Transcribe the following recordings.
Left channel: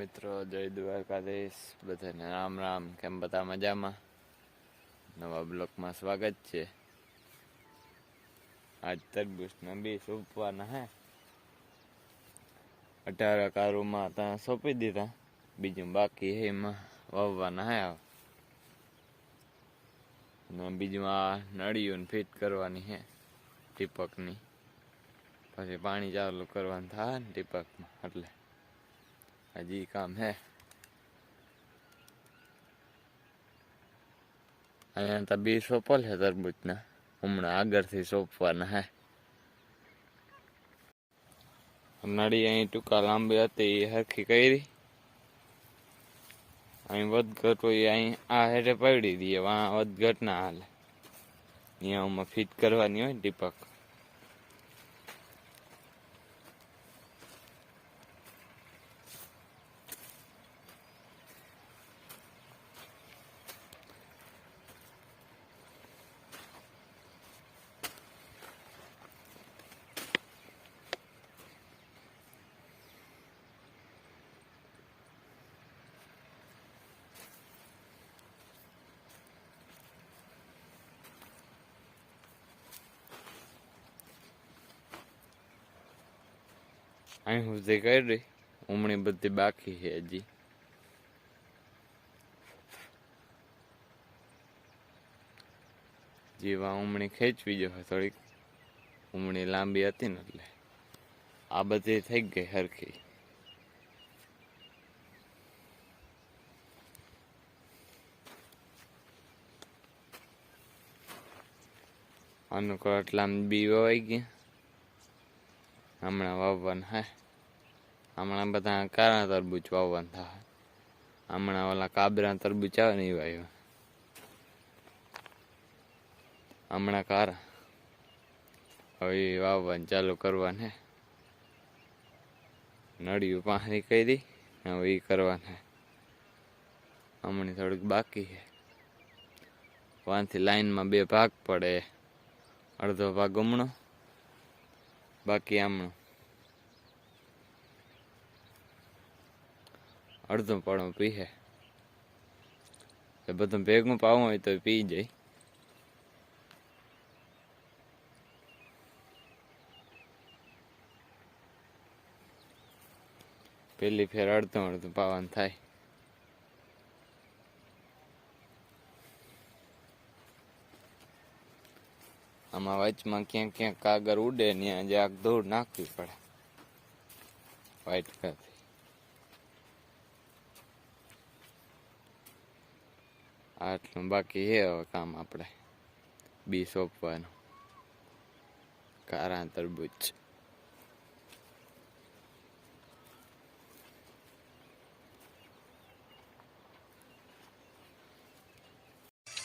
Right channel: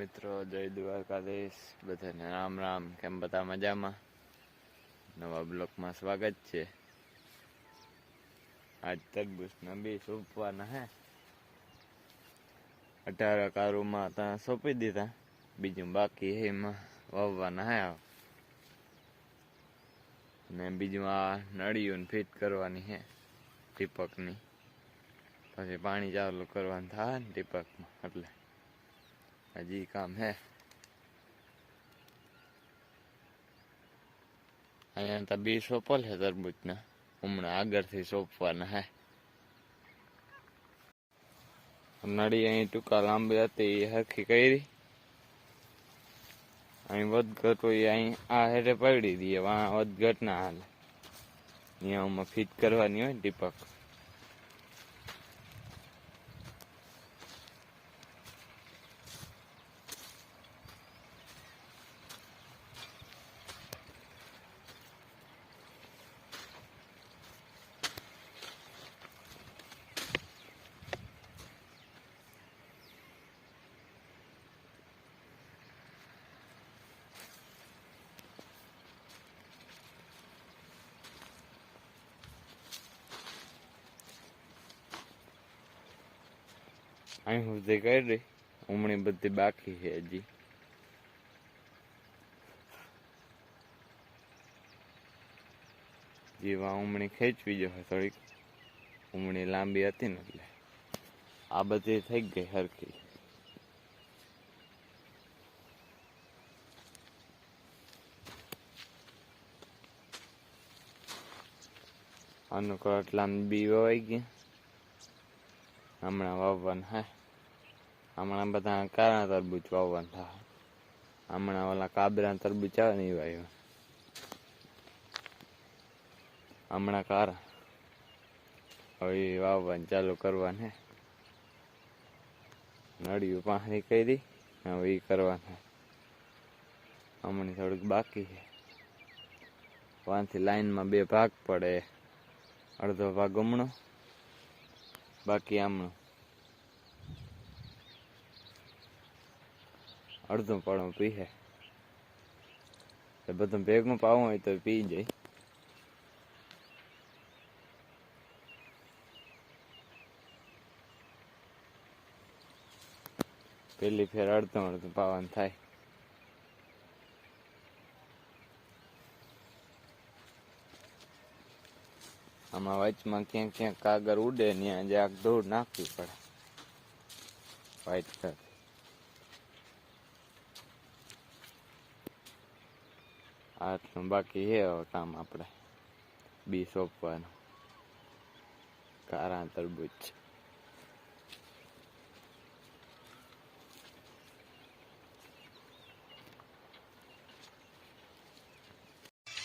મિત્રો, જય દ્વારકાધીશ. બધાને રામ રામ. કેમ બધા મજામાં? નવા બ્લોકમાં સ્વાગત છે. આજ તરબૂચના બી સોંપવાના હે. અઢાર કારુમાં ત્યાં સોંપી દીધા. બીજું બાકી હે એમાં વાવવાના હે. અને બીજું આ નળીઓને ફિટ કરવાની હે ટીપકની. પછી પાણી ચાલુ કરવાનું થાય ને ટીપકમાં, એટલે. હજી કામ હે અહીંયા તો બી સોપલ છે તરબૂચના હમણાં આગળથી સોંપવાના હે નળી અહીં ટૂંકા લાંબી હતી એ હરખી કરી અહીં વધઘટ હોય અહીં આ હેઠે પડી દઈએ વધઘટ ના હાલે અહીંયા ફિટ કરવાની હોય ને અહીં સુધી કરી. ઉમણી બધી બાકી છે હજી. જેવા ઉમણી ખેંચવી જો થોડીક. ઉમણી લાંબી હતી ને એટલે. આ બધી થઈ ગઈ હરખી. અનુકૂળ એટલા બી વવાઈ ગયા હમણાં વાવવાના હે. હમણાં બધા કાળા તરબૂચ વાવવાન થાય હમણાં ઓલા કાબરા તરબૂચ આવે ને એ વાવ્યો હમણાં કારા હવે એ વાવવાનું ચાલુ કરવાને નળિયું પાણી કરી હવે એ કરવાને હમણાં થોડુંક બાકી છે વાંથી લાઈનમાં બે ભાગ પડે. અડધો ભાગ હમણો. બાકી આમણું. અડધું પણ પીએ તો બધું ભેગું પાવું હોય તો પી જાય. પેલી ફેર અડધું અડધું પાવાનું થાય. આમાં વચમાં ક્યાંક ક્યાંક કાગર ઉડે ને જરાક ધૂળ નાખવી પડે. વાઈટ પેપ આટલું બાકી છે હવે કામ આપણે. બી સોંપવાનું. કારા તરબૂચ.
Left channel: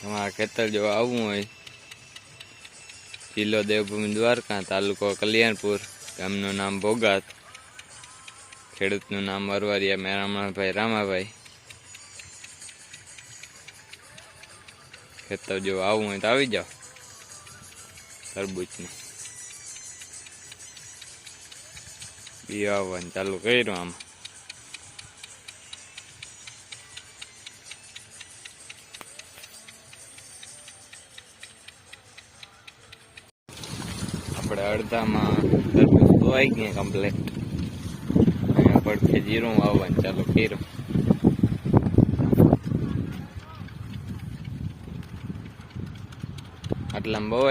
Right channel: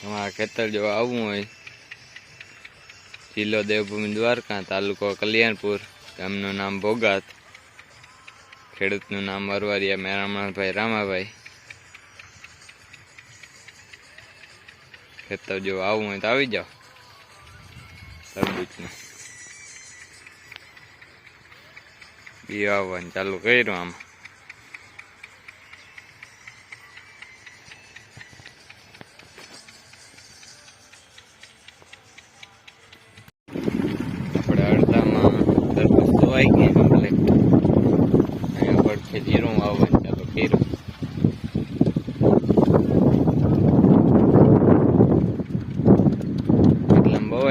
અમારા ખેતર જો આવવું હોય, જિલ્લો દેવભૂમિ દ્વારકા, તાલુકો કલ્યાણપુર, ગામનું નામ ભોગાત, ખેડૂતનું નામ અરવારિયા મેરામણભાઈ, રામાભાઈ ખેતર જો આવવું હોય તો આવી જાઓ તરબૂચનું બી આવવાનું ચાલુ કર્યું આમાં આપણે અડધામાં તરબૂચ ધોવાઈ ગયા કમ્પ્લેટ અહીંયા પડખે જીરું આવવાનું ચાલુ કર્યું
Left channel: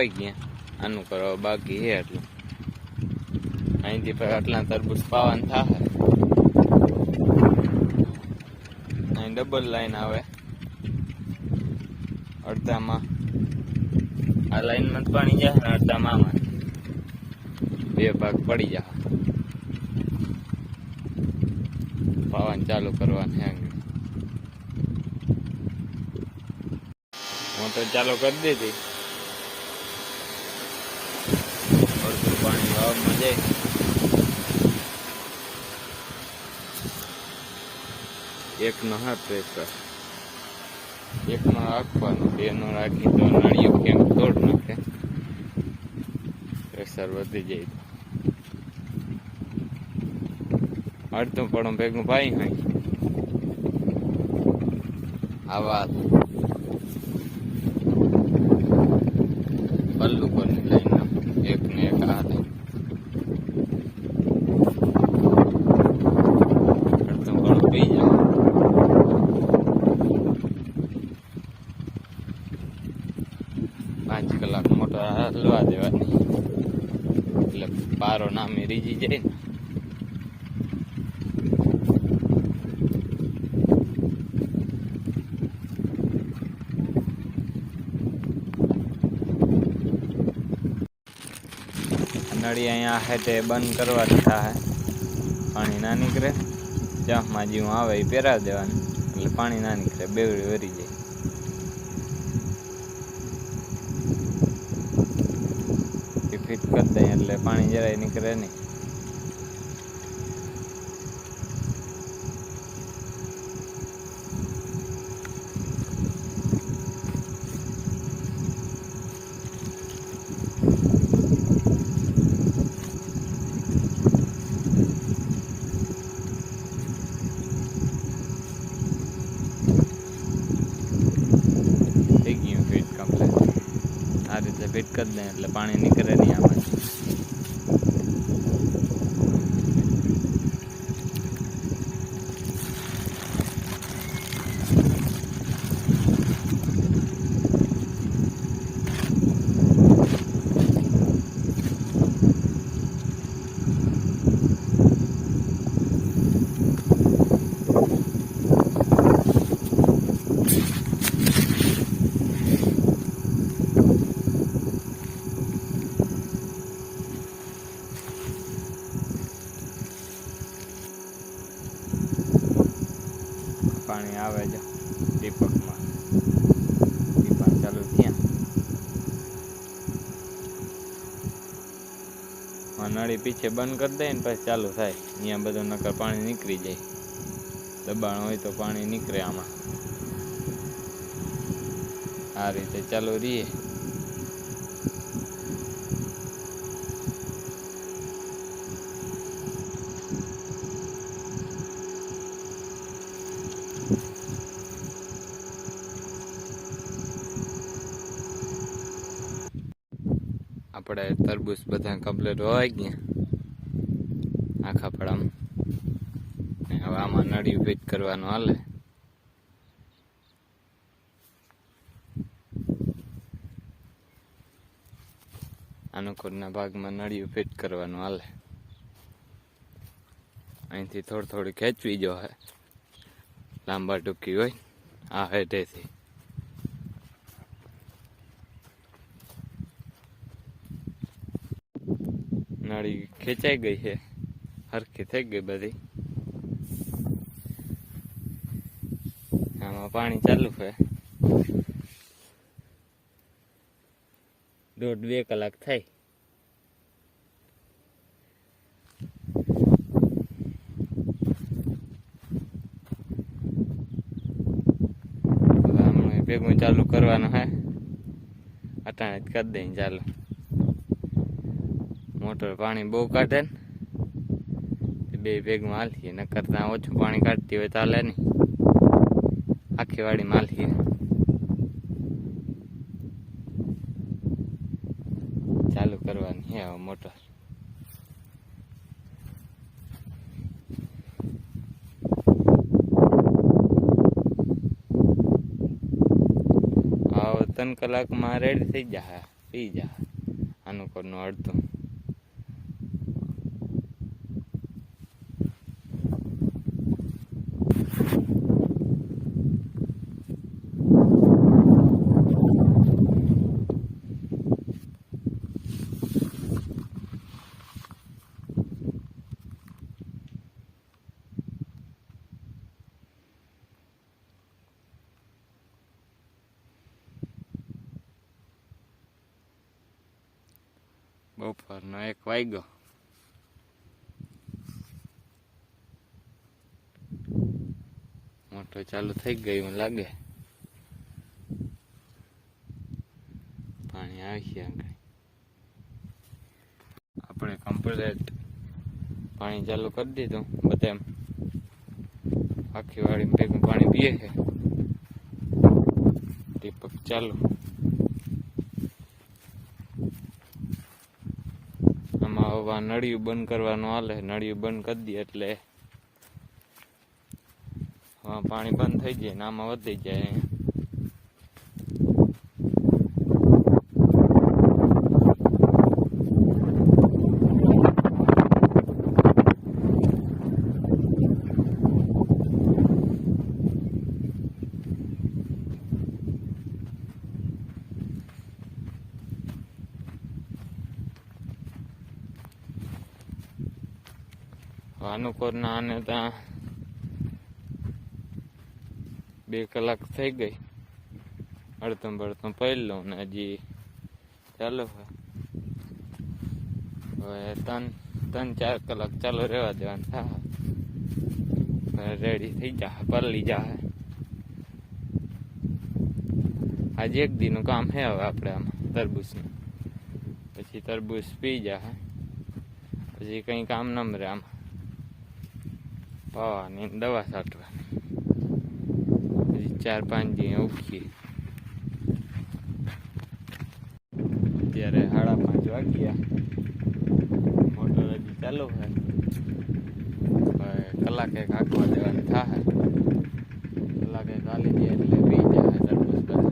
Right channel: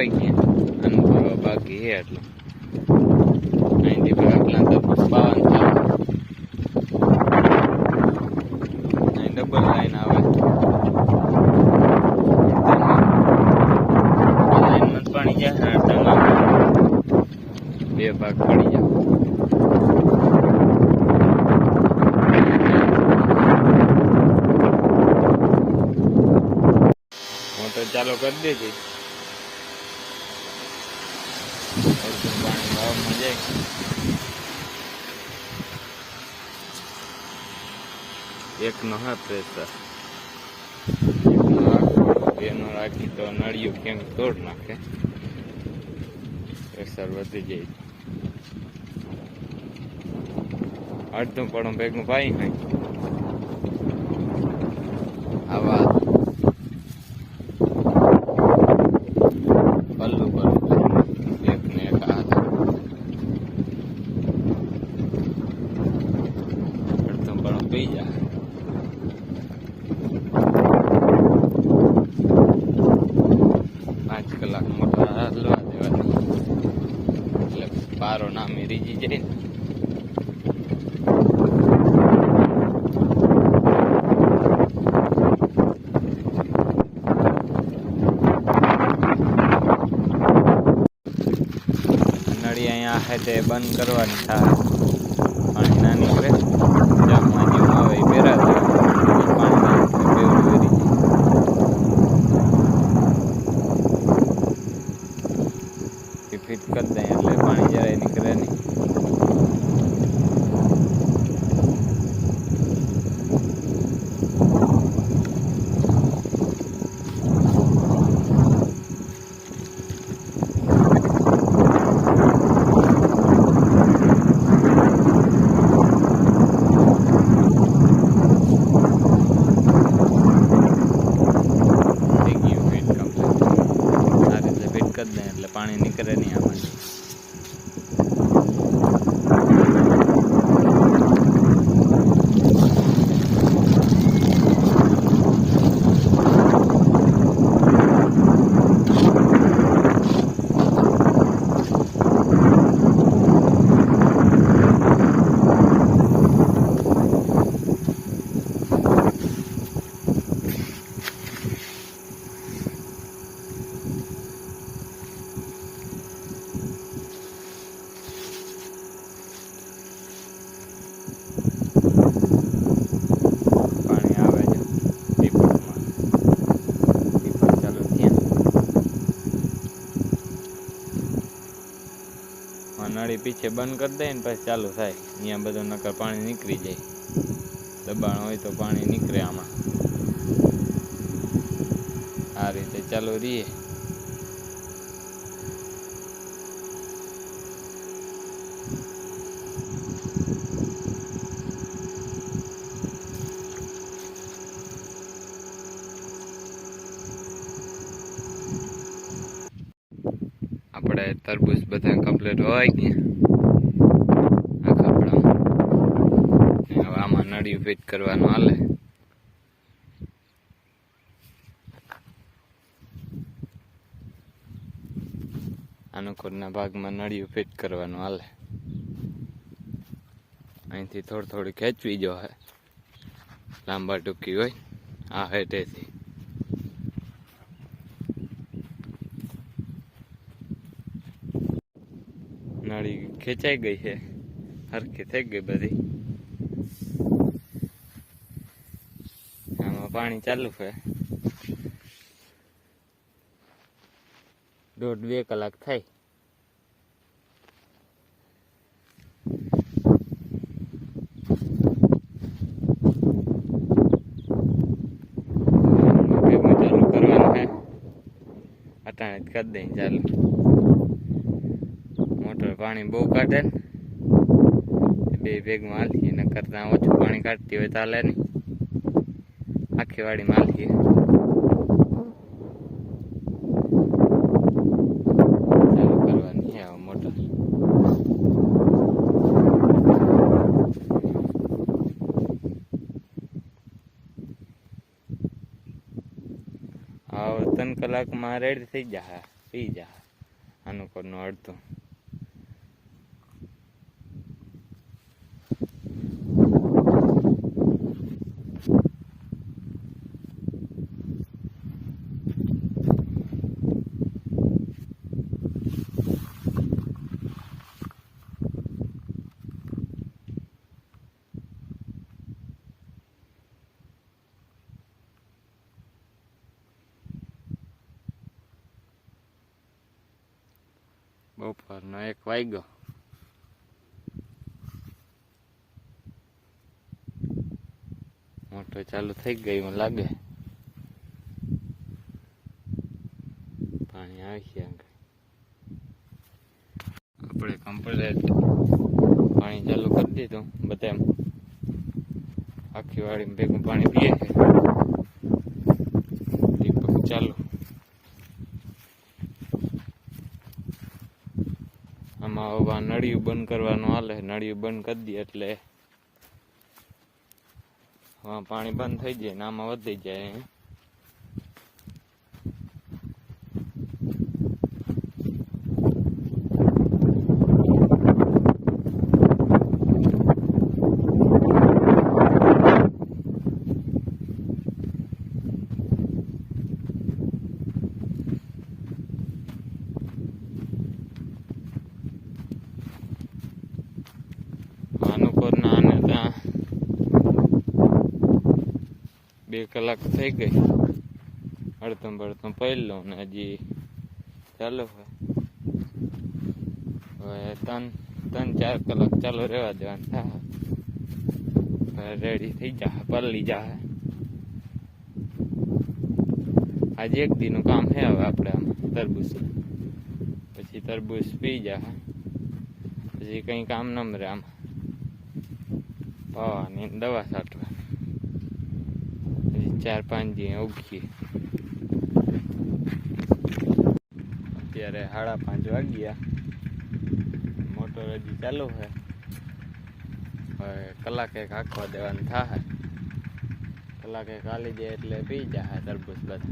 આટલામાં ગયા આનું કરવા બાકી હે આટલું. અહીંથી આટલા તરબૂચ બાવન થાય. અહીં ડબલ લાઈન આવે. લાઈનમાં પાણી જાય અડધામાં બે ભાગ પડી જાય. મોટર ચાલુ કરી દીધી. બ્લોગમાં જય એક નો હા પ્રેશર. એક નો રાખવાનો, બે નો રાખી તો નાળિયું ક્યાંક તોડ નાખે? પ્રેશર વધી જાય તો. અડધું પડો ભેગું ભાઈ નહીં આવા નામે રીજી નળી અહીંયા હેઠે બંધ કરવા દીધા પાણી ના નીકળે. જામમાં જેવું આવે એ પહેરા દેવાય પાણી ના નીકળે, બેવડી વેરી જાય એ ફિટ કરી દઈએ એટલે પાણી જરાય નીકળે નહીં થઈ ગયું ફિટ કમ્પ્લીટ આ રીતે ફિટ કરી દઈએ એટલે પાણી નીકળે નહીં આમાંથી પાણી આવે છે ટીપકમાં ટીપક ચાલુ થયા આ નળી પીછે બંધ કરી દઈએ ને પછી ચાલુ થાય. અહીંયા બધું નકર પાણી નીકળી જાય. દબાણ હોય તો પાણી નીકળે આમાં. આ રીતે ચાલુ રહીએ. તરબૂચ બધા કમ્પ્લીટ હોય ગયા આ કપડામાં હવે આમાં નળી ફિટ કરવાનું હાલે. અનુકૂળના ભાગમાં નળિયું ફિટ કરવાનું હાલે. અહીંથી થોડી થોડી ખેંચવી જો હે. લાંબા ટૂંકી હોય. આ હેઠેથી. નળી ખેંચાઈ ગઈ છે. હરખી થઈ ગઈ બધી. આમાં પાણી ચાલુ છે. દોઢ બે કલાક થાય. ચાલુ કરવાનું હે અટાણે કરી દઈ ચાલુ. મોટર પાણી બહુ કાઢે ને બે ભેગમાં હાલીએ ન કરતા ઓછું પાણી કાઢતી હોય ચાલે નહીં. આખી વાડીમાં હાલીએ. ચાલુ કરવાની હે મોટર. હવે ત્રણ કલાકમાં રેડી થઈ જાય પી જાય અનુકૂળનું અડધું. બપોરનો એક વાગ્યો મોટો ચાલુ થઈ ગયું લાગે પાણી આવી ગયા આપણે કમ્પ્લેટ પાણી ચાલુ કરી દીધું બધા આખી વાળી ભેગું પાણી પીએ દીપક ચાલુ આમાં હવે નળિયું બંધ કરવાનું હાલે, નળિયું બંધ કરી દઈએ એટલે પાણી બંધ થઈ જાય ને આમાં વધી જાય અનુકોરના આને ત્યાં બે કલાક થઈ ગઈ. અડધમ પડી લઉં ને હજી ચાલુ હવે ત્રણ ત્રણ, ચાર કલાક ચાલુ રહેવા દેવાનું. રેડી થઈ જા, પરલી જા. આજે એક દીનું કામ હે હવે આપણે આમાં તરબૂચનું. પછી તરબૂચ પી જાય પછી કંઈ કામ ન રહે આમાં. પાવાની દવા છાંટવા. ચાર પાંચ દી ઉગીએ અત્યારે સાડા પાંચ વાગ્યા. મોટર હજી ચાલુ છે. હવે કલાકે હાંકવા દેવાની થાય કલાકે ખાલી જાય એટલે બી જાય તરબૂચ બધા.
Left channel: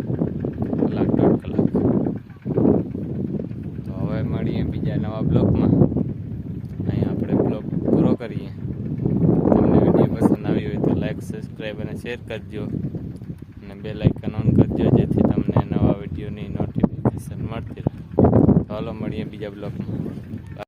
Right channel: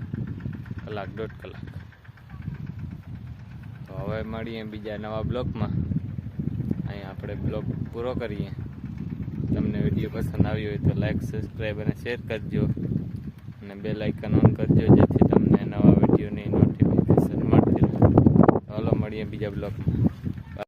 કલાક દોઢ કલાક. તો હવે મળીએ બીજા નવા બ્લોકમાં. અહીં આપણે બ્લોક પૂરો કરીએ. તમને વીડિયો પસંદ આવ્યો હોય તો લાઈક સબસ્ક્રાઈબ અને શેર કરજો. બે લાઇકન ઓન કરજો, જેથી તમને નવા વિડીયોની નોટિફિકેશન મળતી રહે. ચાલો મળીએ બીજા બ્લોગમાં